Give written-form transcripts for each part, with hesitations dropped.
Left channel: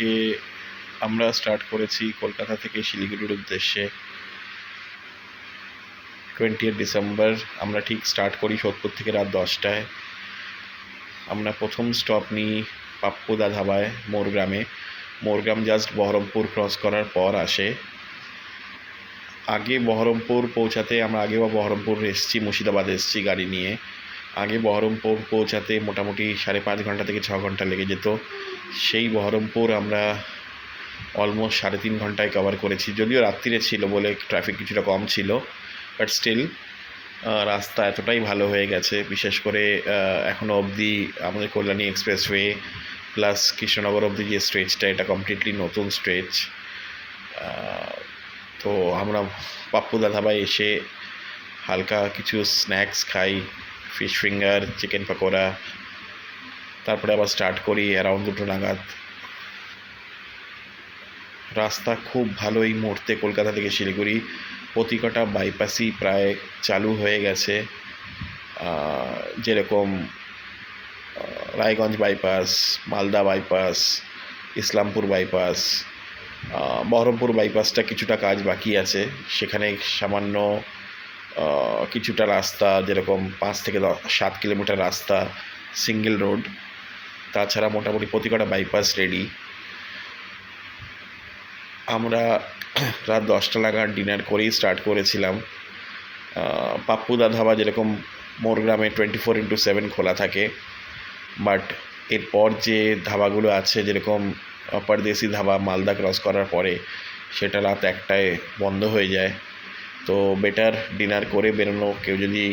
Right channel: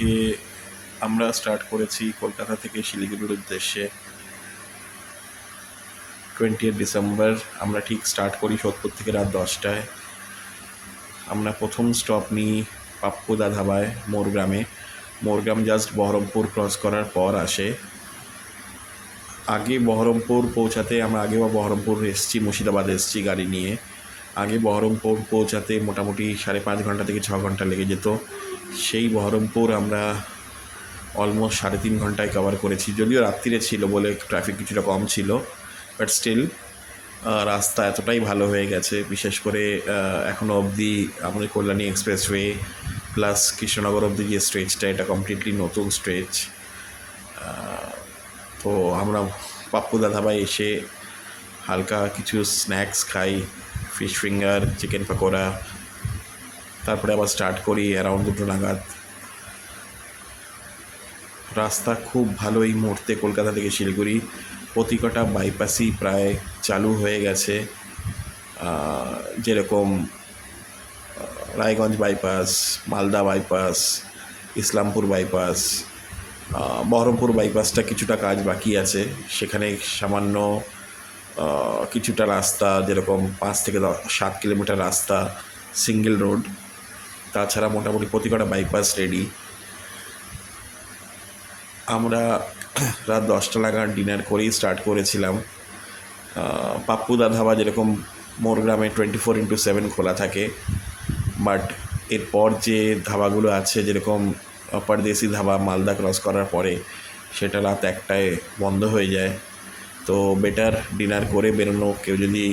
আজকে আমরা স্টার্ট করেছি কলকাতা থেকে শিলিগুড়ির উদ্দেশ্যে। 20 ডিসেম্বর আমরা ঠিক স্টার্ট করি সোদপুর থেকে রাত 10টায়। আমরা প্রথম স্টপ নিই পাপ্পুদা ধাবায় মোরগ্রামে। মোরগ্রাম জাস্ট বহরমপুর ক্রস করার পর আসে। আগে বহরমপুর পৌঁছাতে আমরা আগেও বহরমপুর এসেছি, মুর্শিদাবাদ এসেছি গাড়ি নিয়ে। আগে বহরমপুর পৌঁছাতে মোটামুটি 5.5 ঘন্টা থেকে 6 ঘন্টা লেগে যেত। সেই বহরমপুর আমরা অলমোস্ট 3.5 ঘন্টায় কভার করেছি, যদিও রাত্রিরে ছিল বলে ট্রাফিক কিছুটা কম ছিল, বাট স্টিল রাস্তা এতটাই ভালো হয়ে গেছে। বিশেষ করে এখনও অবধি আমাদের কল্যাণী এক্সপ্রেসওয়ে প্লাস কৃষ্ণনগর অবধি যে স্ট্রেচটা, এটা কমপ্লিটলি নতুন স্ট্রেচ। তো আমরা পাপ্পুদা ধাবায় এসে হালকা কিছু স্ন্যাক্স খাই, ফিশ ফিঙ্গার, চিকেন পকোড়া। তারপরে আবার স্টার্ট করি অ্যারাউন্ড 2টো নাগাদ। রাস্তা খুব ভালো এই মুহূর্তে কলকাতা থেকে শিলিগুড়ি। প্রতিকটা বাইপাসই প্রায় চালু হয়ে গেছে, যেরকম Raiganj bypass, Malda bypass, Islampur bypass. Baharampur বাইপাসটা কিছুটা কাজ বাকি আছে, সেখানে সামান্য কিছুটা রাস্তা, যেরকম 5 থেকে 7 কিলোমিটার রাস্তা সিঙ্গেল রোড। তাছাড়া মোটামুটি প্রতিকটা বাইপাস রেডি। আমরা রাত 10টা নাগাদ ডিনার করেই স্টার্ট করেছিলাম। পাপ্পুদা ধাবা যেরকম মোরগ্রামে 24/7 খোলা থাকে, বাট এরপর যে ধাবাগুলো আছে যেরকম পরদেশি ধাবা মালদা ক্রস করার পরে, সেটা রাত 1টায় বন্ধ হয়ে যায়। তো বেটার ডিনার করে বেরোনো। কেউ যদি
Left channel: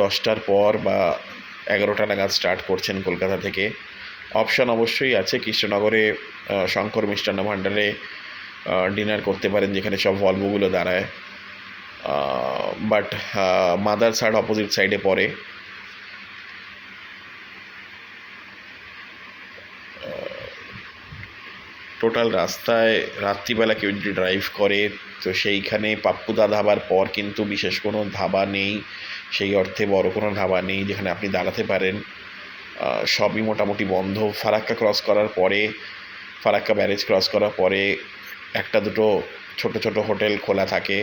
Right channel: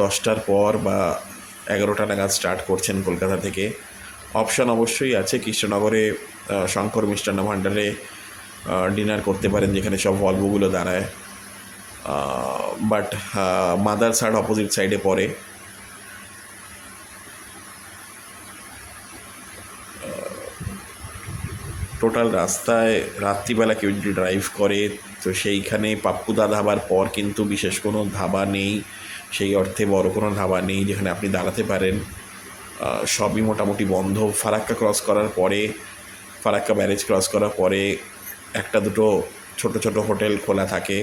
10টার পর বা 11টা নাগাদ স্টার্ট করছেন কলকাতা থেকে, অপশান অবশ্যই আছে। কৃষ্ণনগরে শঙ্কর মিষ্টান্ন ভাণ্ডারে ডিনার করতে পারেন, যেখানে সব ভলভোগুলো দাঁড়ায়। বাট মাদার সাইড অপোজিট সাইডে পড়ে। টোটাল রাস্তায় রাত্রিবেলা কেউ যদি ড্রাইভ করে, তো সেইখানে পাপ্পুদা ধাবার পর কিন্তু বিশেষ কোনো ধাবা নেই, সেই অর্থে বড় কোনো ধাবা নেই যেখানে আপনি দাঁড়াতে পারেন। সবই মোটামুটি বন্ধ। ফারাক্কা ক্রস করার পরে, ফারাক্কা ব্যারেজ ক্রস করার পরে 1-2 ছোট ছোট হোটেল খোলা থাকে,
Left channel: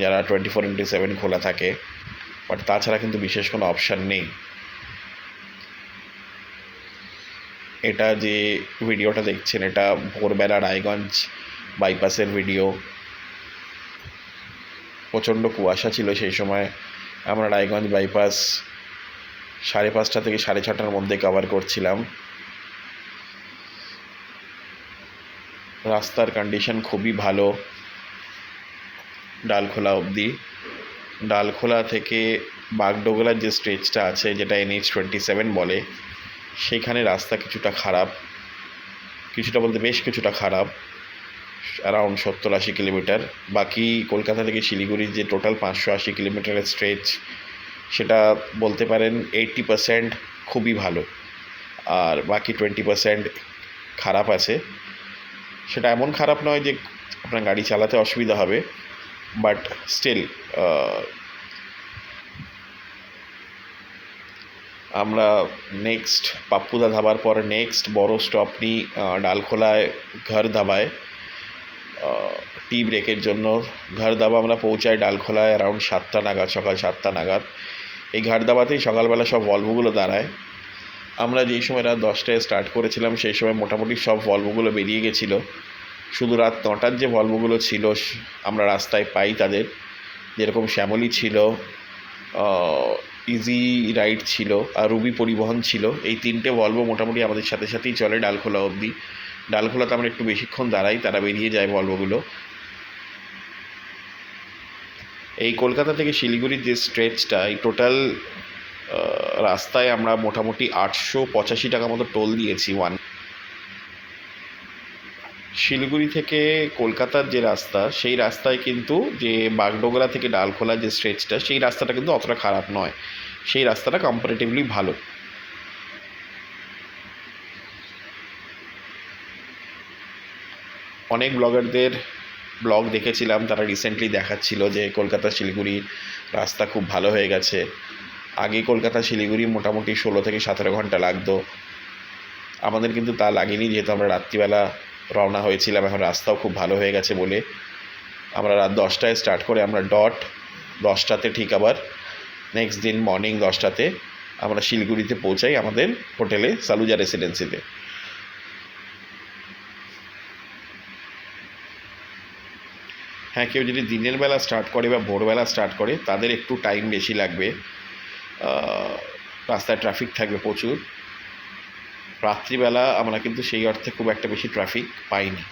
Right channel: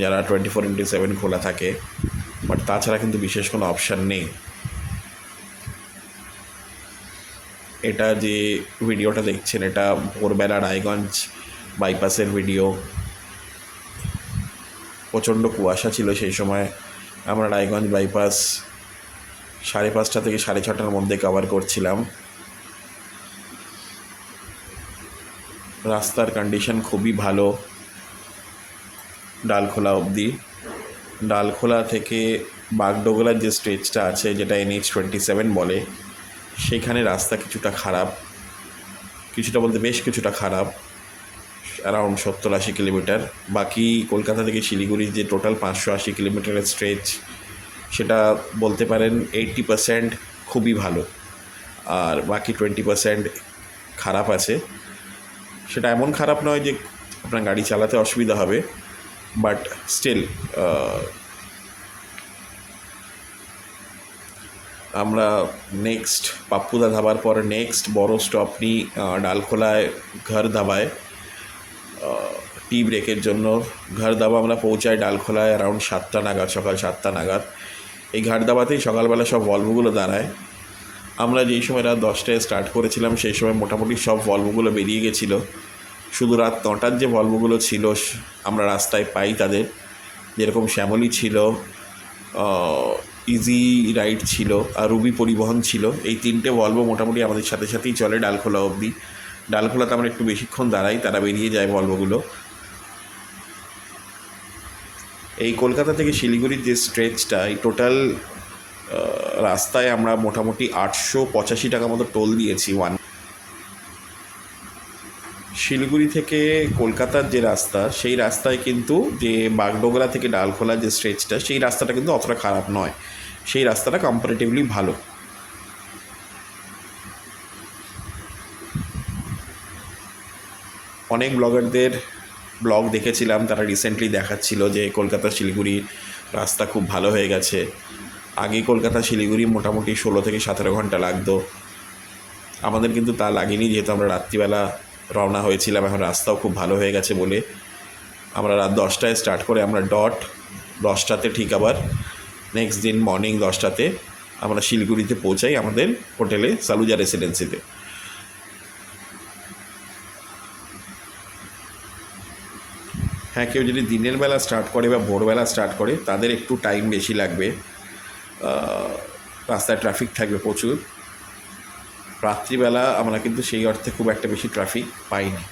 যারা 24/7 খোলা থাকে, বাট তাছাড়া কিন্তু বিশেষ কোনো অপশান নেই। এটা যে ভিডিওটা দেখছেন, এটা ভোরবেলা রায়গঞ্জ বাইপাসের ভিডিও। প্রচণ্ড কুয়াশা ছিল সেই সময়। আমরা রায়গঞ্জ বাইপাস 5:30 থেকে 6:30টার মধ্যে কভার করছিলাম। রাস্তার কন্ডিশন খুবই ভালো ডালখোলা অবধি। ডালখোলা থেকে বাগডোগরার যে স্ট্রেচটা আছে, যেটা NH-27 বলে, সেখানে রাস্তা কিছুটা খারাপ, কিছুটা বলতে বেশ কিছুটা খারাপ, অ্যারাউন্ড 70-80 কিলোমিটার। বাকি কলকাতা থেকে শিলিগুড়ির যে টোটাল 580 কিলোমিটারের স্ট্রেচ, সেটা বলতে পারেন 80% খুবই ভালো, আর বাকি 20% খারাপ আছে। সেটা এমন খারাপ নয় যে আপনার গাড়ি চালাতে অসুবিধা হবে, বাট স্টিল আমরা নেক্সট পাপ্পুদা ধাবার পরে নেক্সট বড় স্টপ নিই ডালখোলায় ঘর ধাবায় টি ব্রেকের জন্য। ঘর ধাবা আমরা পৌঁছাই ডালখোলায় অ্যারাউন্ড 7টা নাগাদ, সকাল 7টা নাগাদ। এই ঘর ধাবাতেই সকালবেলা সব ভলভোগুলো দাঁড়ায়। আমরা যেই সময় রাত 10টায় স্টার্ট করেছিলাম, সেই সময় মোটামুটি সব ভলভোগুলো বেরিয়ে গেছিলো। শুধু রাত 9টার যে ভলভোগুলো ছিল আমরা রাস্তায় পাই তাদের, যেরকম শ্যামলী ছিল, ইজি রাইড ছিল, আর রুবি পরিবহন ছিল। এই 3টে ভলভো মোটামুটি আমাদের সাথে সাথেই চলে ডালখোলা অবধি। ডালখোলাতে আমরা একটু বেশিক্ষণ দাঁড়াই, তারা বেরিয়ে যায় ভলভোগুলো। এই কলকাতা থেকে শিলিগুড়ির যে স্ট্রেচটা, এই টোটাল রাস্তায় আমরা মোটামুটি 885 টাকা মতো টোল দিয়েছি শিলিগুড়ি থেকে কলকাতার যে রাস্তা, সেই রাস্তায় কিন্তু যে বাগডোগরা থেকে ডালখোলা যে স্ট্রেচটা, সেই রাস্তাটা কিন্তু অতটা খারাপ নয়, সেই রাস্তাটা কম্পারেটিভলি ভালো। অনেক ব্লগারদের ব্লগ দেখেছিলাম, তারা রিসেন্টলি দেখাচ্ছিল যে কলকাতা শিলিগুড়ি রাস্তা খুব ভালো হয়ে গেছে। আগে কলকাতা শিলিগুড়ি মোটামুটি 16 থেকে 17 ঘন্টা লাগতো, আমাদের কিন্তু তা লাগেনি, যেহেতু আমরা রাত্রিবেলা রওনা হয়েছিলাম। এখন রাস্তাও খুব ভালো হয়ে গেছে বলে আমরা রাত 10টায় স্টার্ট করে আমরা ডট 10টাতে ঠিক আবার নেক্সট দিন মর্নিং 10টাতে আমরা শিলিগুড়িতে পৌঁছাই আমাদের হোটেলে সালুজা রেসিডেন্সিতে। হ্যাঁ, কেউ যদি দিনের বেলা স্টার্ট করে বা ভোরবেলা স্টার্ট করে তাদের একটু টাইম বেশি লাগবে, রাস্তায় ট্রাফিক থাকবে প্রচুর। রাত্রিবেলা আমরা কিন্তু সেই অর্থে খুব একটা বেশি ট্রাফিক পাইনি।